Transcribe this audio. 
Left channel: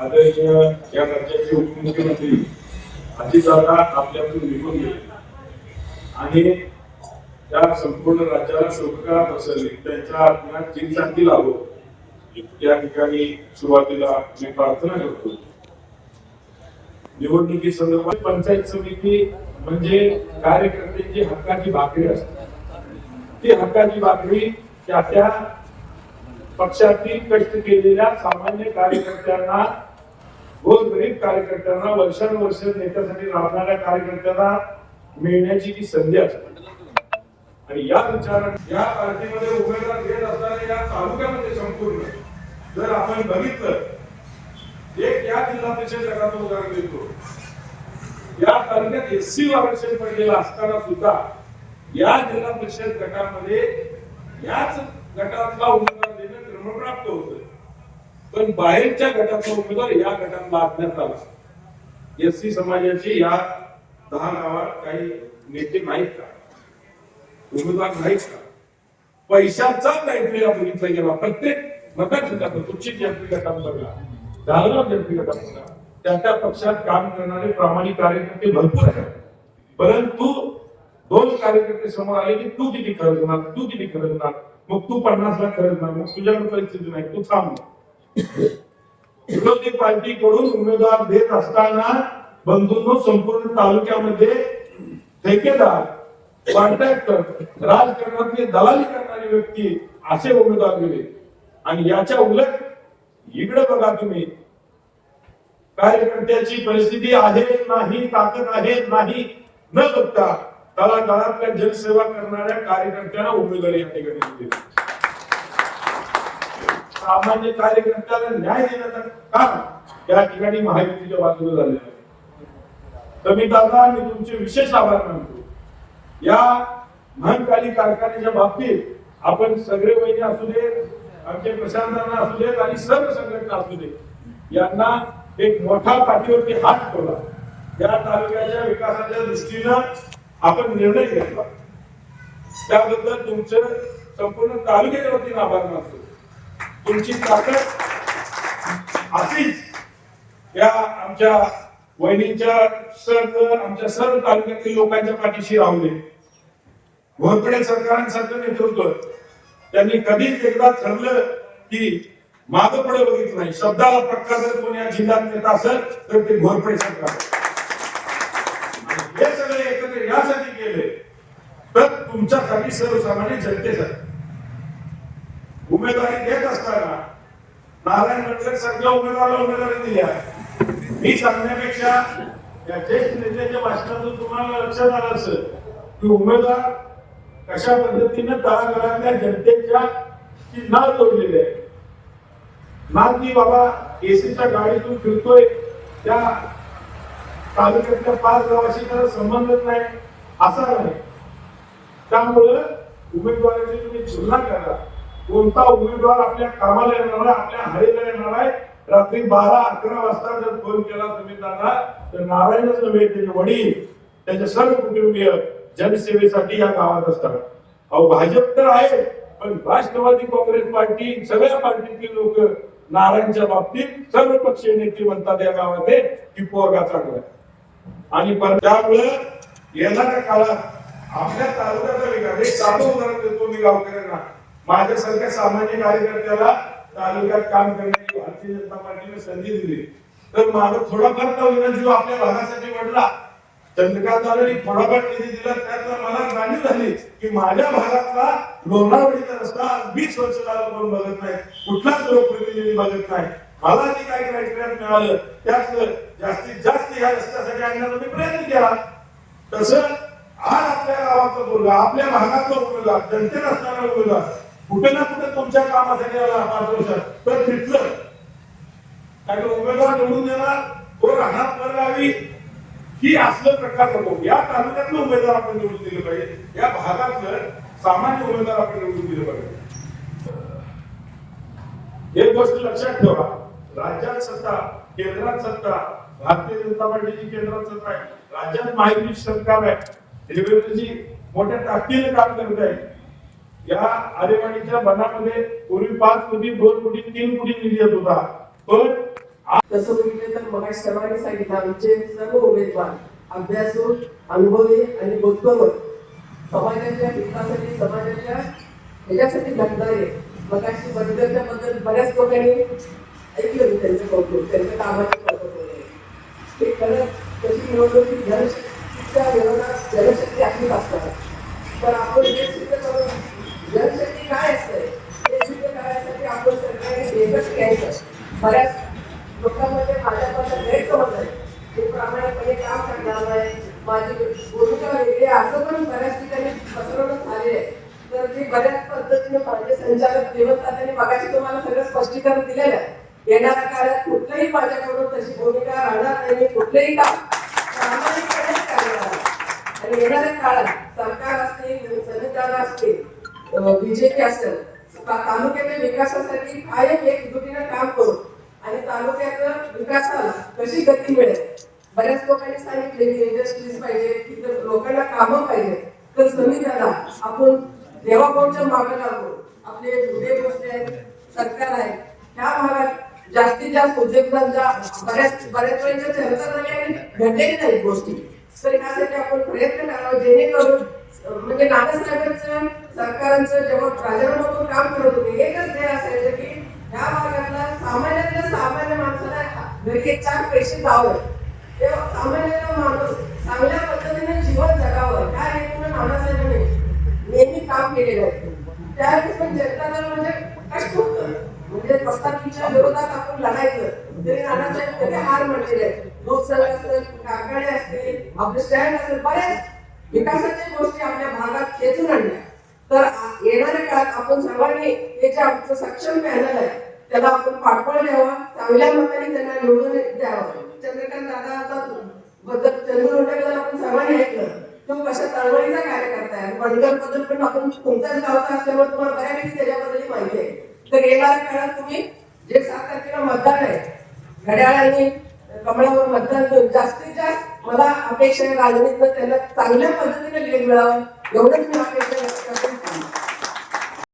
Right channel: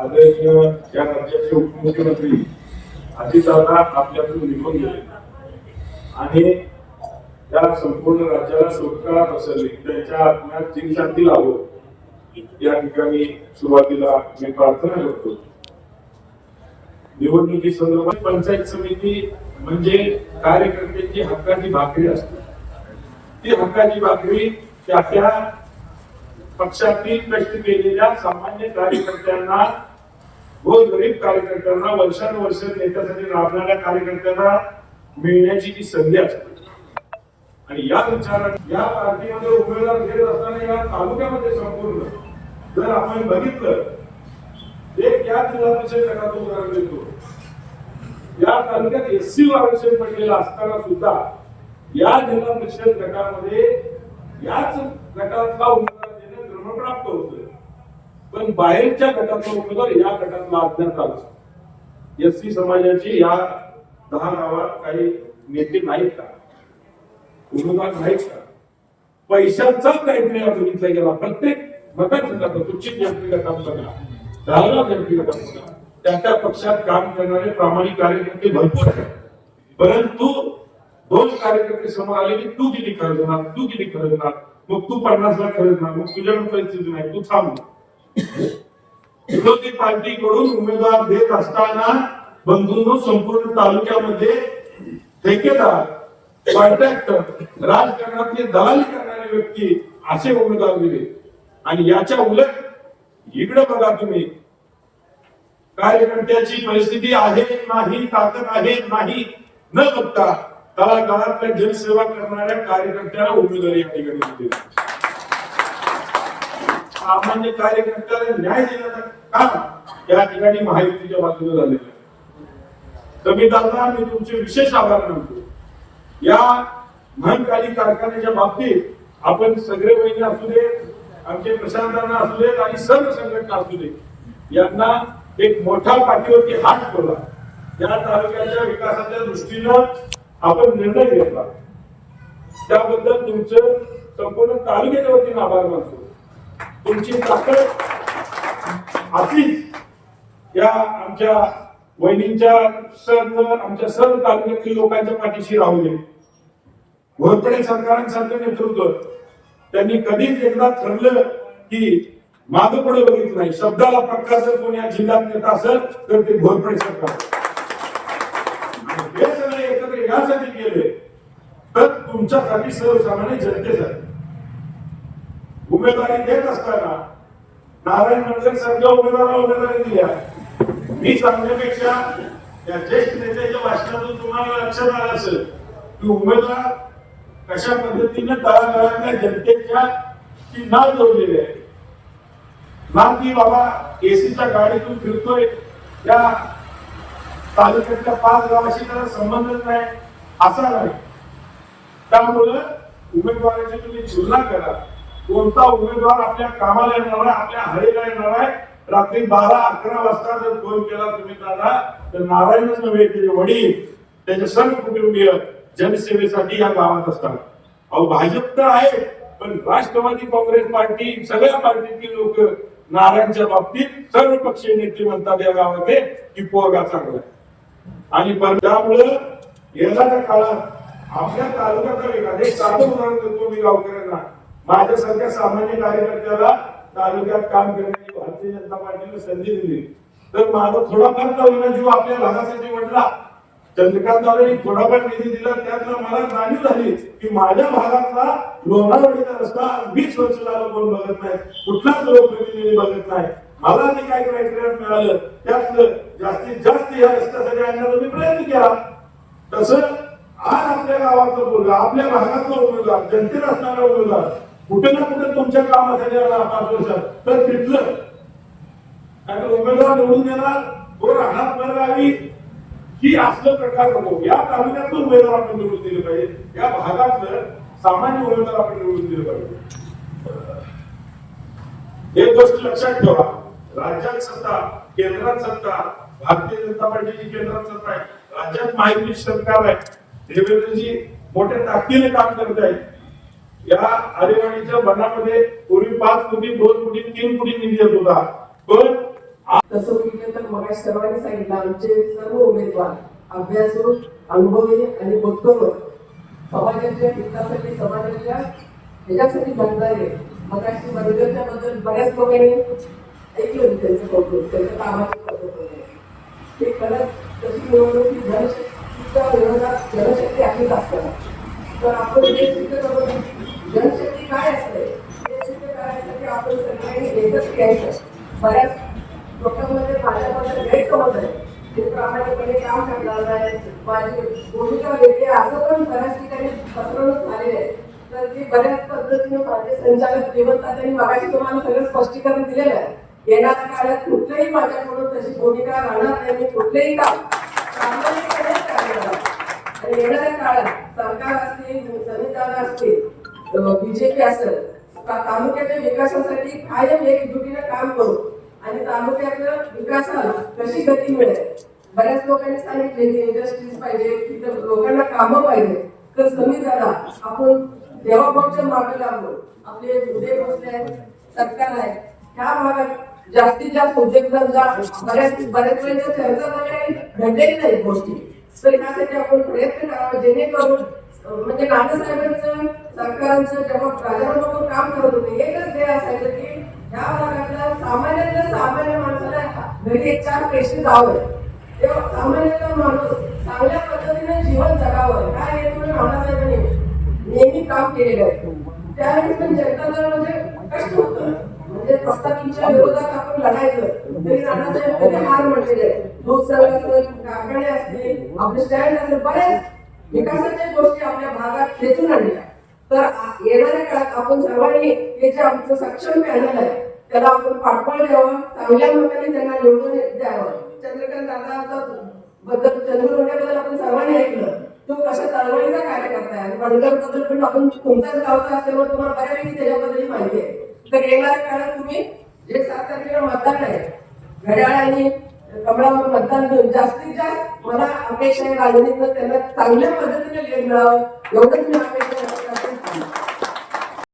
आदरणीय या राज्याचे उपमुख्यमंत्री अजितदादा आपल्यातून निघून गेले आणि या संपूर्ण राज्याला सुखकरा पसरली. त्यांच्या आत्म्यात चिरशांती लाभो या ठिकाणी सुरुवातीला मी प्रार्थना करतो. निवडणुकी संदर्भात पंचायत समिती म्हणजे कार्यकर्त्यांची हक्काची भाकरी असते. ती हक्काची भाकरी त्या पक्षातील कष्ट केलेल्या सामान्य कार्यकर्त्यांना, गोरगरीब कार्यकर्त्यांना, वर्षानुवर्ष नेत्यासाठी राबणाऱ्या कार्यकर्त्यांना मिळण्याची ती संधी असते. आणि या विचाराने या पार्टीमध्ये उमेदवार घेत असताना या तालुक्यामध्ये संपूर्ण जर आपण बघितलं, एक या जिल्हा परिषद गटातून उदाहरण देतो. या तालुक्यात एससी आरक्षण पडलेलं असताना सुद्धा या जिल्हा परिषद गटामध्ये याच गटातला उमेदवार देणं क्रमप्राप्त होतं. पण बाहेरच्या गटातला उमेदवार या गटातला अज्ञात आला. एससी समाजाची या 10 गावात काही नेते नाहीत का, उमेदवार नाहीत का? पैशाचा क्रायटेरिया बघितला गेला. प्रत्येक मतदारसंघात तुमची जनते गटात बघा, धारणा जनते गटात बघा, त्या पक्षात काम करणारे प्रामाणिक कार्यकर्ते भरपूर आहेत. परंतु 2 कार्यकर्ते समोर आले की तू किती खर्चणार, तू किती खर्चणार, मग तू 50 लाख खर्चणार, मग तुझ्याकडे परिस्थिती नाही, तू थांब. विरोधी पार्टीकडून उमेदवार देत असताना बंधूंनो, संपूर्ण तालुक्यामध्ये ठेकेदार, कॉन्ट्रॅक्टर, राजकारणातली दलाली करणारी व्यक्ती असे उमेदवार दिले. आणि याच्या उलट इकडे बघा तुम्ही, कार्यकर्त्याची परिस्थिती आहे नाही, ताकद आहे नाही न बघता तळागाळातल्या जनसेवा करणाऱ्या कार्यकर्त्यांना उमेदवारी या ठिकाणी दिली. सामान्य कार्यकर्त्याला न्याय देण्याचं काम या ठिकाणी महायुतीच्या बाजूने झालेलं आहे. कमी दादा, मी तुमचे विशेष आभार मानतो. या महाकाली कारखान्याच्या बाबतीत आपण सगळे वैद्य असू दे, आमचे प्रशांतांना असू देत आणि सर्व संघटना असू दे, यांना एक मोठा पाठीवरती हात ठेवला. या तालुक्याच्या विकासाच्या दृष्टीनं आपण निर्णय घेतला. त्याबद्दल तुमचं संपूर्ण तालुक्याच्या वतीने आभार मानतो. तुमची ताकद अशीच या आमच्या वहिनींच्या आमच्या सर्व तालुक्यातील लोकांच्या पाठीशी राहू दे. घोरपडे सरकारांसारखं नेतृत्व त्यांनी कधीच एकदा ठरलं की मागं पुढे बघितलं नाही. शब्दाला पक्का जर कोणी या जिल्ह्यात येत असेल तर ते घोरपडे सरकार. हे सगळे एकत्र यासाठी केले तर तुमच्यासाठी, सर्वसामान्य जनतेसाठी. उमेदवारी देत असताना नारायण मंडल सारख्या उमेदवाराला उमेदवारी दिली आहे. मी सांगण्यापेक्षा या ज्येष्ठ नेत्याच्या भाषणातून तुम्हाला लक्षात आलं असेल की उमेदवार कशा पद्धतीने तळागाळातल्या जनतेच्या नाळ जोडलेली आहे. ना की बाबा एसीच्या गाडीतून फिरतोय, त्या तालुक्यातल्या 5 गावाशी त्याला संबंधच नाही असा नाही. त्यामुळं उमेदवाराची तुम्ही तुलना करा. कोणता उमेदवार आपल्या कामाला येणार आहे, आपल्या हळीला येणार आहे. रात्री 12-11 वाजता जर फोन केला तुम्ही दादा, तर नारायणच नव्हे, त्याचे वडील, त्याचे सर्व कुटुंबीय जनसेवेसाठी या गावात असतात. अहो, भाजप तर आहे, पण राष्ट्रवादी काँग्रेस पार्टी, सगळ्या पार्टीतील लोक नारायणच्या बाबतीत सर्व पक्षीय नेते म्हणतात या गावामध्ये की पोरगा चांगला. आणि त्यामुळे येणाऱ्या काळात आपल्या तालुक्याचा विकास, एक साधं उदाहरण देतो मी गावकऱ्यांना. माझ्यासारख्या सामान्य कार्यकर्त्याला तालुक्यात काम करण्याची भारतीय जनता पार्टीने संधी दिली तर माझा थोडाफार का जीव आपल्या भागासाठी वाढला. चंद्रकांतदादांनी थोडाफार निधी दिला, त्यातला मला जाणीव झाली की माझ्या भागातला लोणावळीचा रस्ता 20 वर्ष झालं कोण बघत नाही, कुठलाच लोकप्रतिनिधी बघत नाही. मला जे काही क्रायटेरिया मिळालं त्यातलं जास्तीत जास्त या रस्त्यासाठी आणण्याचा मी प्रयत्न केला. तसं आज आपल्या गावाचा मुलगा, आपल्या भागातला मुलगा, जनतेला असणारा मुलगा कुठे ना कुठे तुमच्या कामासाठी आला 5 वर्षात तर तिथलं काय उमेदवार निवडून देणार, तो राहणार परगावी, ही असलं प्रकार नको. या तालुक्यातलं उमेदवार आपण निवडून दिलं पाहिजे, या भागातलं सामान्य उमेदवार आपण निवडून दिलं पाहिजे. एक गोष्ट लक्षात ठेवा, राज्यात सत्ता, केंद्रात सत्ता, भारतीय जनता पार्टीची केंद्रात सत्ता आहे, राज्यात महायुती सरकार आहे. देवेंद्रजी मोठ्या ताकदीने काम करत आहेत. या आरेवाडीच्या बनामध्ये पूर्वी 5 कोटी, 2 कोटी, 3 कोटी निधी येत होता. पण तसं बघितलं तर मग सर्वांनी सांगितलं आमचे सर्व उमेदवार अभ्यासू, अनुभवी आणि बोधकर समाजाच्या हितासाठी समाजाच्या ह्याच्यासाठी लढणारे. मग बंदरच्या बद्दल बऱ्याच लोकांनी ऐकलं त्यांचं कौतुक, त्यांचं कामाचं कौतुक वगैरे. ते खरंच कशी निवडणूक की जनशक्तीच्या विरोधात जनशक्ती अशीच असतात. तर आपण हे सिद्ध करून जनशक्ती काय असते हे सिद्ध करायसाठी आपण सगळ्यांनी एकच घ्यायचं. बऱ्याच लोकांमध्ये माझ्याबद्दल गैरसमज आहे, ते प्रामाणिकपणे काम करणार नाही, माझी भूमिका वेगळी असं पण बऱ्याच ठिकाणी पसरवणूक झाली आहे. तर ते बऱ्याच पद्धतीने माझे संचालक देवतात आणि मगाशी तुम्हाला सगळं स्पष्टीकरण दिलेलं आहे. येणाऱ्या काळात कुठल्याही माझ्याकडून तशी भूमिका राहणार नाही, मी कुठलेही काम प्रामाणिकपणेच करणार आहे. आणि येणाऱ्या काळात सरकार असतील, संविधान असतील, बीजेपी असेल, तालुक्याच्या विकासासाठी कायम एकजुटीने काम करू आणि तालुक्याच्या विकासाला कशी गती मिळेल. बऱ्याच लोकांनी सांगितले की इंडस्ट्रीज पाहिजे, तिथं लोकांना कामं पाहिजे. तर संविधानाला आपण देवाभाऊच्या मागे लागू, आपले उद्योग बसले आहेत, सरकार आहे, ह्या भागात जास्तीत जास्त उद्योगधंदा बऱ्याच वेळेच्या चर्चा झाल्या घडलेली नाही गोष्टी. तर यासाठी आपण प्रयत्न करावा जेणेकरून म्हणजे नानासाहेबांचं सरकारांचं जेव्हा राजाराम काम करत होते एकच ध्येय असायचं की ह्या भागातला सामान्य माणसाला घरी 4 पैसे जावं, तेव्हा सामान्य माणूस चांगल्या पद्धतीने जीवन जगावं काय हेतून नानासाहेबांनी नेहमी काम केलेलं आहे. त्यावेळेस पण जनताला म्हणजे कष्ट होतं, म्हणजे पस्ताकीच्या विरोधात आपण लढायचं तरी नानासाहेब कधी हार म्हटलेले आहे. दूध संघ असेल, कारखाने असतील, आपले स्टँड असेल, बऱ्याच विकासाच्या गोष्टी आपल्या भागात खेचून आणल्या. तर येणाऱ्या काळात आपण सर्वांनी हे जे आमचं सक्षम पॅनल आहे त्याला आपण पाठबळ द्यावं, चांगल्या मताने त्यांना निवडून द्यावं. चंद्रकांत दादा बद्दल चंद्रकांत आपण सर्वांनी ऐकलं, तो कशा चळवळीचा कार्यकर्ता आहे. बंडर बद्दल पण आपण तुमच्याच गावचा असल्यामुळे तुम्हाला बऱ्यापैकी त्याच्याबद्दल माहिती आहे. तर येणाऱ्या काळात तुम्ही जे 7 तारखेला मतदान आहे घड्याळ आणि कमळावर मतदान देऊन जास्तीत जास्त मला अपेक्षा आहे राजनीतीनं त्यांना चांगल्या पद्धतीने लीड मिळावं एवढंच मी अपेक्षा